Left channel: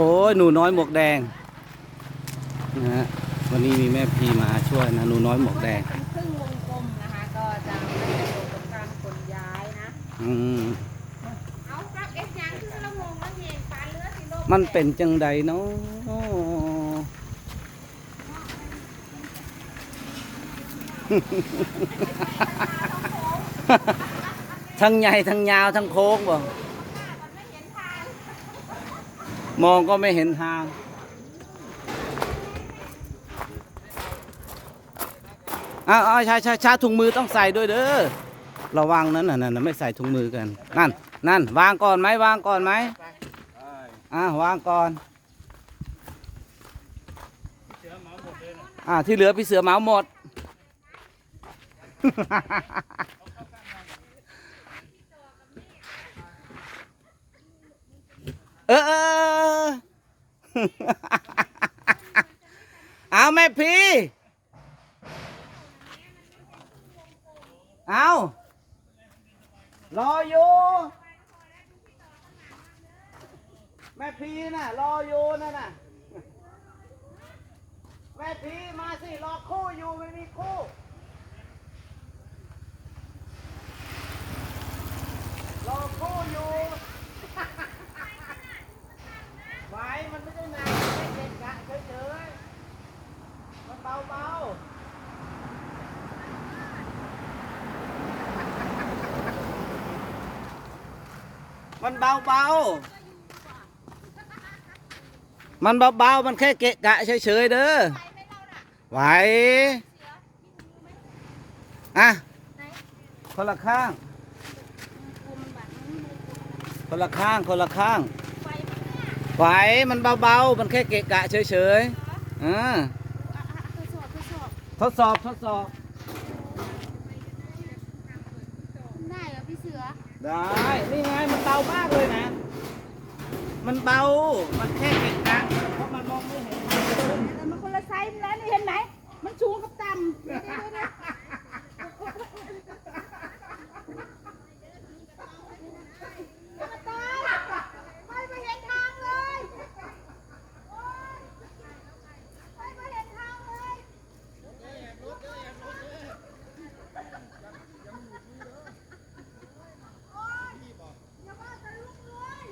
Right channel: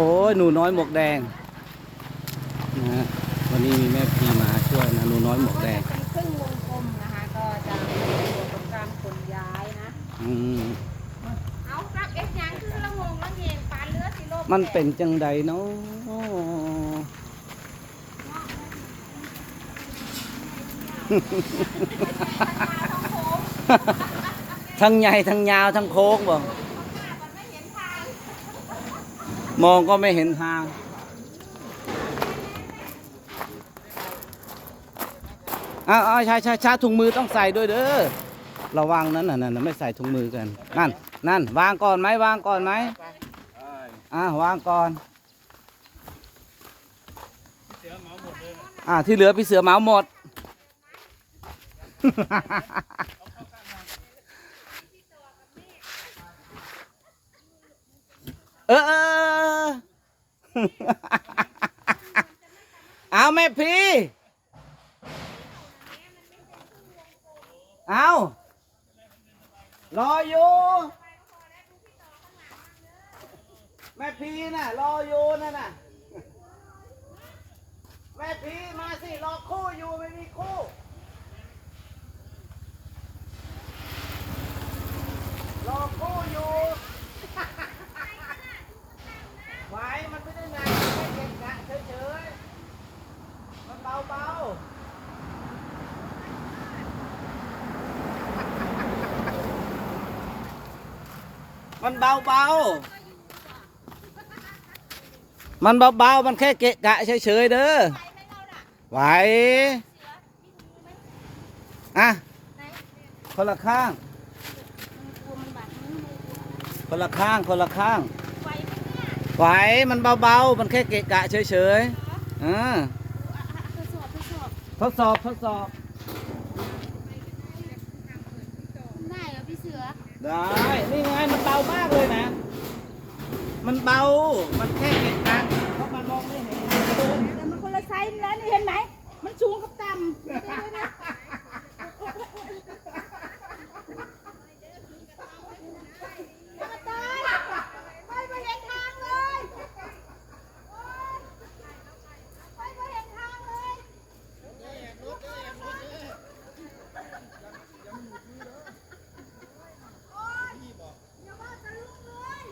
โอ้ยหนูน้อยหมวกแดงนะฮะวันนี้มีแม่พีมาช่วยนะหนูน้อยหมวกแดงเป็นครึ่งวงกลมนะคะก็จะเป็นการขนย้ายนะ อืมเอาครับเอ็กยังคือละงงละเงงปานเลือดสิโลกมันเป็นจังใดเนาะทั้งใหญ่ทั้งยาวทั้งโค้งบ่ มองก็ไม่เห็นทาง อ้าวอ้าวใช่ใช่ชาถุงมือต้องใส่ด้วยเด้อ ระวังนั้นน่ะนั่นน่ะไม่ใส่ถุงมือกัน นั่น นั่น วางก่อนไหมวางก่อนไหมอ่าวางก่อนอ่าที่เหลือพี่เสือเหมาหมด เออเออเอาแม่พี่เอารออยู่แม่พีน่ะ รออยู่นั่นน่ะแม่พีมาสิ รอคู่อยู่ไม่มีคู่ รอคู่อยู่ ไว้มันไม่ได้หนานมันเป็นกะเฉยๆมันเบาๆ มันเบาๆมันเบาๆมันแค่เกะกะเฉยๆเด้อไหวอะคนละข้าง คนละข้าง คนละข้าง ไหว มันเบาๆ มันแค่เกะกะเฉยๆอ่าทดสอบ ทดสอบ ทดสอบ ทดสอบ ได้เหรอพี่เสือ ได้ นี่ไง มันเบามากเลยนะ มันเบา มันแค่เกะกะเพราะมันมองไม่เห็น แต่มันคนละไซส์แล้วนี่เห็นไหมมันสูงกับต่ำเดี๋ยวเดี๋ยวเดี๋ยวมาตายไม่ไปเห็นทางเลยโอ๊ยไม่ไปเห็นทางเลย อย่าว่าแต่ลูกเลย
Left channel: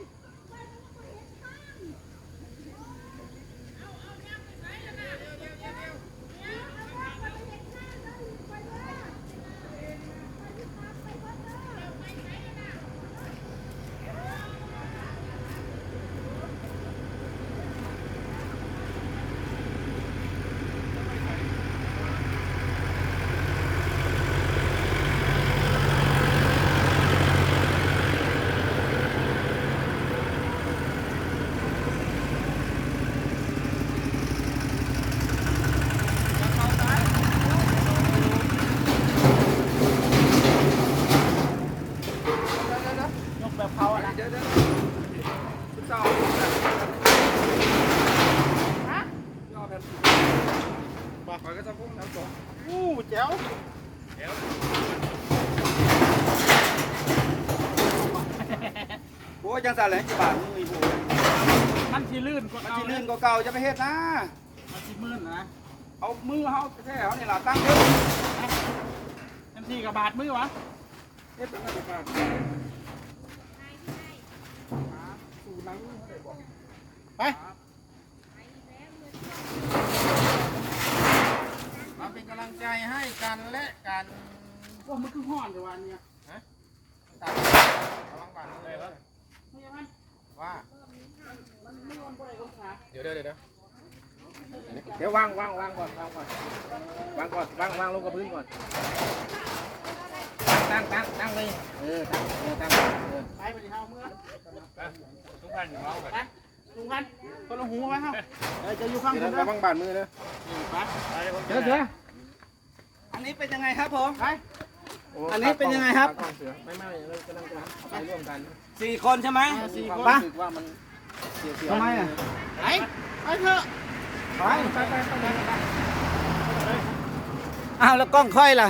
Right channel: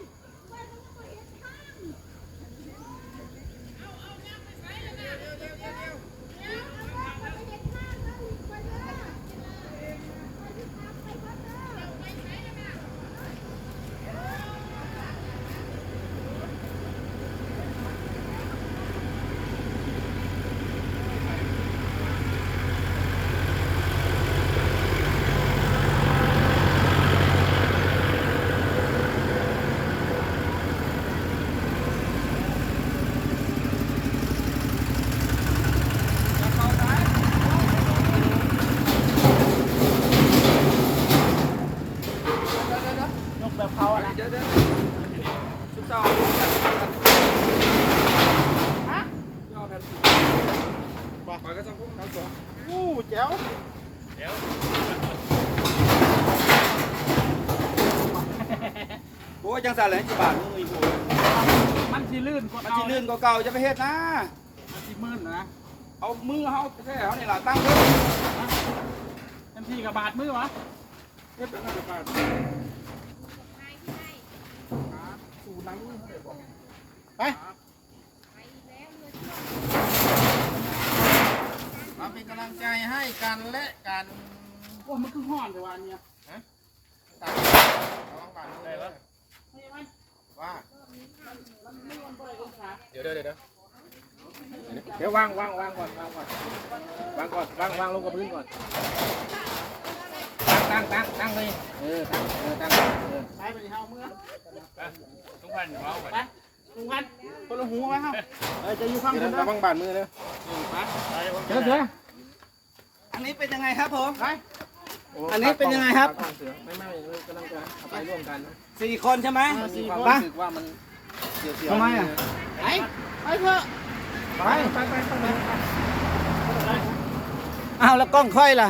ไปมันก็เห็นทางยกแบบเขาอะนะ เดี๋ยวเดี๋ยวสุดเจ้าย่อแผ่นบอกไปก็จะพุ่งน้ำสอง อู้แจ๋ว เดี๋ยวโอ้ย จังสารแหลงกี่บาทมืออีโว้ยมันที่ลื่นกว่ามันจีลื่นกว่าเก่าจะไปเฮ็ดนะ มันที่มืดนะเอามือเฮาแท้เขานี่ล่ะตั้งเด้อทันทีกับบาดมือวะเฮ็ดเป็นอะไรบาทสู่หนังเขาได้บอกไปมาเป็นกำลังใจให้กันและกันโอ้มันคือห่อนแต่วันเนี้ยตัดระวังบาดมือไม่ใช่ไหม ว่ามันไม่วันบ่ได้องศาเดี๋ยวเดี๋ยวเดี๋ยวเดี๋ยววางวางวางก่อนวางก่อนวางก่อนวางวางลงกับพื้นก่อนตั้งตั้งตั้งเลยเออตั้งเออตั้งเออไปไปที่เฮาเมื่อทุกพันอยู่เมาก่อนไปลุงพันคนละหัวไว้เฮาเออจะอยู่ข้างเดี๋บยวนระนะวังบาดมือเลยเดี๋ยวเดี๋ยวอันนี้เป็นยังไงครับผมไป อันนี้เป็นยังไงครับเสือไม่ไม่ไม่กำลังจะเอาไปร่วมกันนะสี่คนใช่ไหมสี่คไปนรู้สึกว่ามันเสียวเสียวทำไมอะไปไปเถอะไปไปไปไปไปอ้าวแล้วกล้องค่อยล่ะ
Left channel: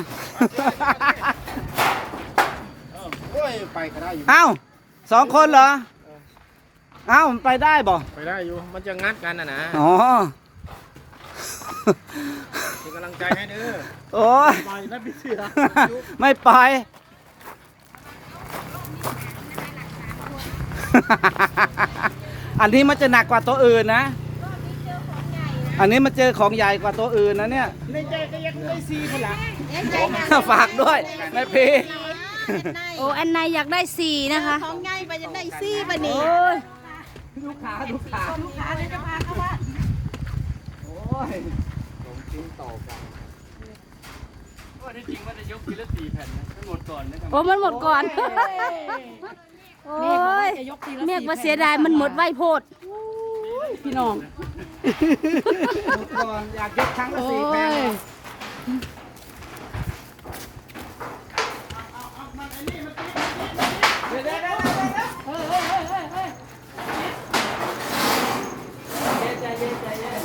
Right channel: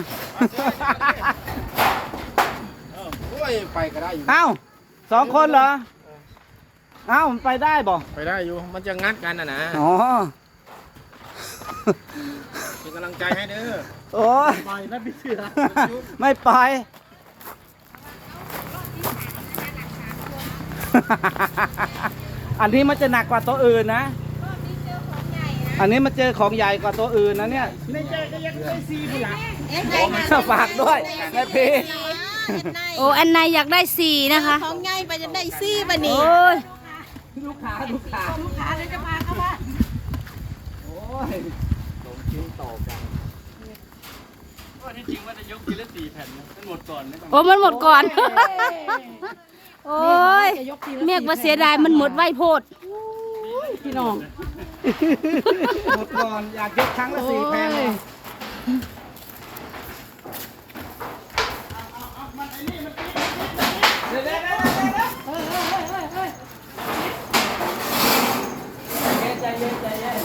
โอ้ยไปก็ได้อยู่อ้าวสองคนเหรอเอ้ามันไปได้บ่ไปได้อยู่มันจะงัดกันนะนะอ๋อ เป็นกำลังใจให้เด้อโอ้ยปล่อยนะพี่เสือไม่ไป อันนี้มันจะหนักกว่าตัวอื่นนะ อันนี้มันเจอของใหญ่กว่าตัวอื่นนะเนี่ยในใจก็ยังได้ซีพี่หลังฝากด้วยแม่พีโอ้อันไหนอยากได้สี่นะคะ ของง่ายไปจะได้ซี่ปะโอ้นี่ยลูกค้าลูกค้าลูกค้าเลยจะพาเข้าบ้านโอ้ ยสองชิ้นต่อกันว่าที่จริงว่าจะยกทีละสี่แผ่นนะทั้งหมดก่อนนะครับโอ้มันหมดก่อน โอ้ยเมียกว่าเสียดายมันหมดไวโพดหมดก่อนอยากยกครั้งละสี่แผ่นเลยเดี๋ยวเดี๋ยวเดี๋ยวเดี๋ยวเดี๋ยวใจเย็นใจเย็น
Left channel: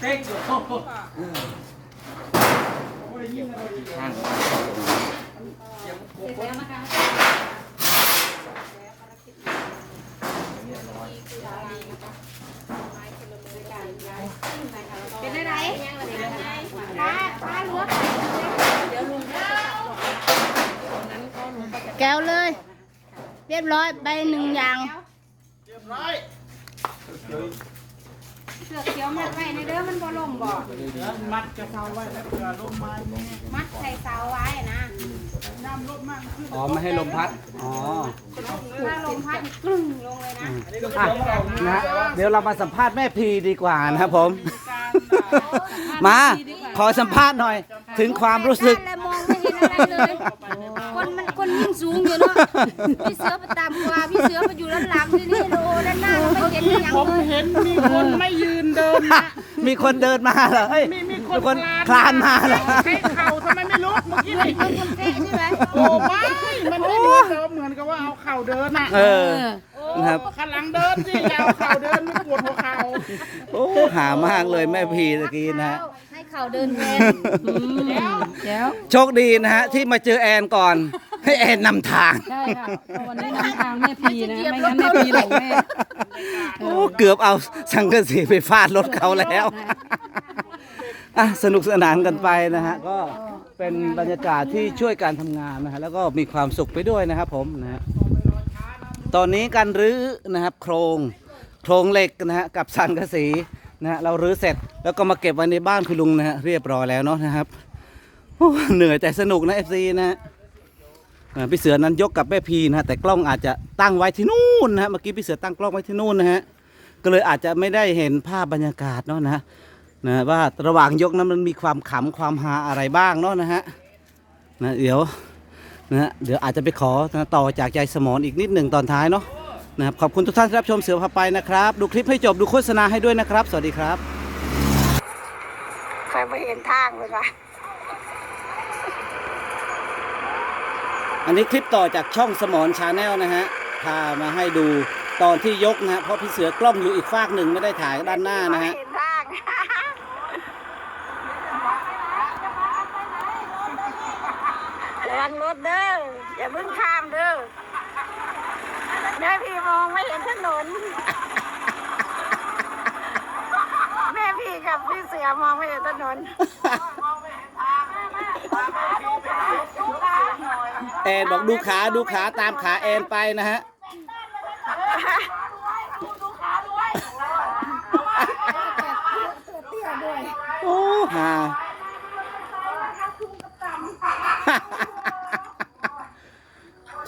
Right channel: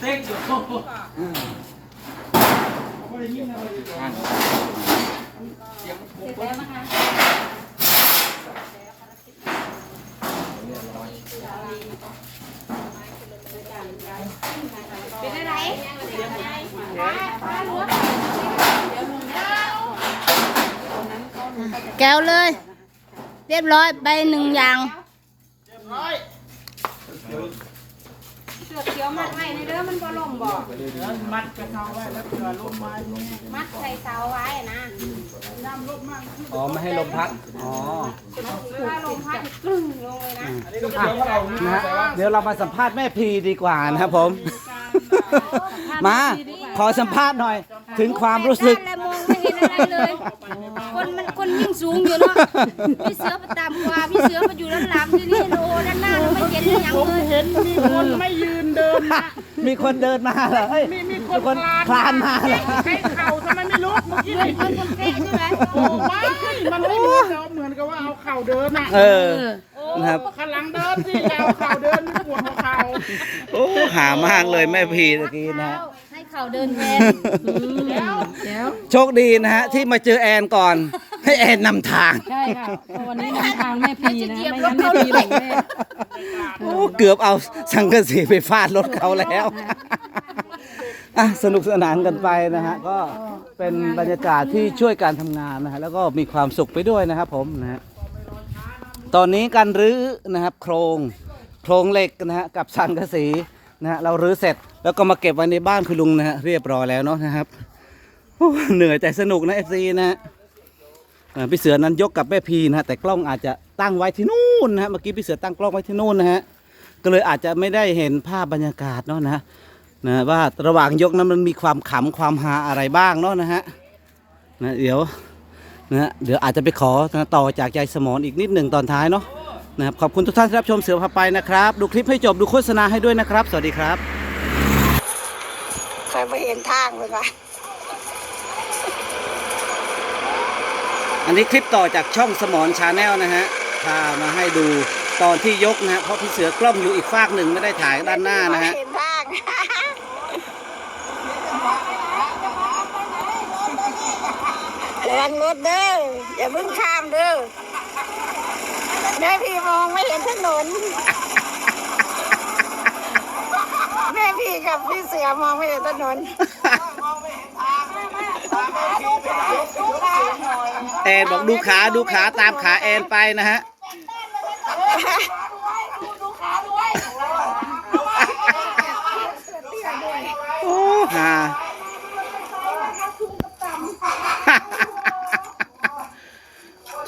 เต็งอยู่ เป็นไรแก้วเลย เรียบร้อยใบหนึ่งอย่าง เสือเขียวมัดไว้ในเด้อมันบ่ล่มบ่มัดกระเซาไว้แล้วก็ลงมาแม่มัดใส่เสาไว้นะน้ำลบมากอ๋อไม่ให้ลมพัดอ๋อถ้าลมพัดกลึ้งลงเลยนะนะเดี๋ยวเรามาสัมภาษณ์แม่พีดีกว่านะครับผม มาขอสัมภาษณ์หน่อย ถึงความรู้สึกและมองไม่เห็นอะไรเลย คนมันคนยิ่งสูงอยู่เนาะพี่เสือไปตามกว่าพี่เสือไปอยู่ด้านหลังที่นี่โอ้ด้านหน้าเราไม่เห็นอหย่างเลยเห็นมีคนไม่ยืน นนะมีคนเดินมาเหรอเฮ้ยมีมีมีคนคลานมาเหรอให้เข่าทำไมไม่ลุกเมื่อกี้เหมือนคนคนเตะใช่ไหมโอ้ไม่มันไม่มีเดินเหมือนกับว่าเอาเข่าเดินอะเออนะครับข้างหลังเดินสิอย่าเอาเข่าเดินไม่ปวดหัวเข่าโอ้หามากเลยแม่พีตะกี้นะฮะให้เขาเดินแทนโชคดีนะฮะที่มาเจอแอนก่อน ให้แอนนำทาง ใช่ค่ะเพราะวันนี้นำทางแม่พีนะเหยียบไม่รงั้ถนเขาแม่เลพียหลงแน่โอ้เกือบเอาสังกะสีไปฟาดรถเขาแล้วอะสนุกสนานกันไปนะฮะ ก็เป็นบรรยากาศที่ช่วยการทำงานนะฮะแล้วก็มีความสุขไปด้วยนะครับผมนะฮะตอนนี้การรื้อนะครับโครงโครงเหล็กนะฮะกับสังกะสีนะฮะเรารื้อเสร็จแล้วก็มาเก็บไว้ในบ้านคุณลุงนะฮะเรียบร้อยแล้วเนาะนะครับโอ้เหนื่อยแต่สนุกนะเอฟซีนะฮะอ่า พี่เสือนั้นยกกับแม่พีนะฮะแต่กล้องอาจจะตั้งไว้ที่นู่นนะฮะเมื่อกี้พี่เสือตั้งกล้องไว้ที่นู่นนะฮะก็เลยอาจจะไม่ได้เห็นภาพบรรยากาศเนาะนะนะว่าระหว่างยกนั้นมันมีความขำความฮาอะไรบ้างเนาะนะฮะนะเดี๋ยวนะเดี๋ยวอาจจะไปขอนะต่อจากยายสมอนอีกนิดหนึ่งตอนท้ายเนาะนะครับขอบคุณทุกท่านที่รับชมเสือพาไปนะครับ ดูคลิปให้จบดูโฆษณาให้ด้วยนะครับ สวัสดีครับ ใครไม่เห็นทางเลยค่ะ อันนี้คลิปต่อจากช่องสมอนชาแนลนะฮะพามาให้ดูตอนที่ยกนะฮะเพราะพี่เสือกล้องอยู่อีกฟากหนึ่งไม่ได้ถ่ายด้านหน้านะฮะเห็นทางระวังรถเด้ออย่าเพิ่งข้ามเด้อแม่พี่มองไม่เห็นถนน แม่พี่กับพี่เสือมองไม่เห็นถนน แอนบอกดูขาดูขาตามขาแอนไปนะฮะโอ้ฮา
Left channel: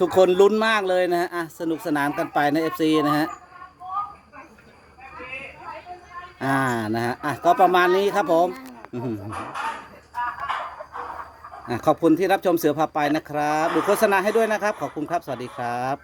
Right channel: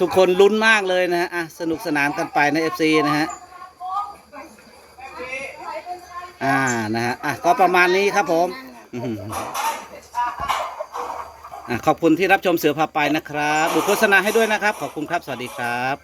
ทุกคนลุ้นมากเลยนะฮะอะสนุกสนานกันไปใน FC นะฮะอ่านะฮะอะก็ประมาณนี้ครับผมอื้อหืออะ ขอบคุณที่รับชมเสือพาไปนะครับ ดูโฆษณาให้ด้วยนะครับ ขอบคุณครับ สวัสดีครับ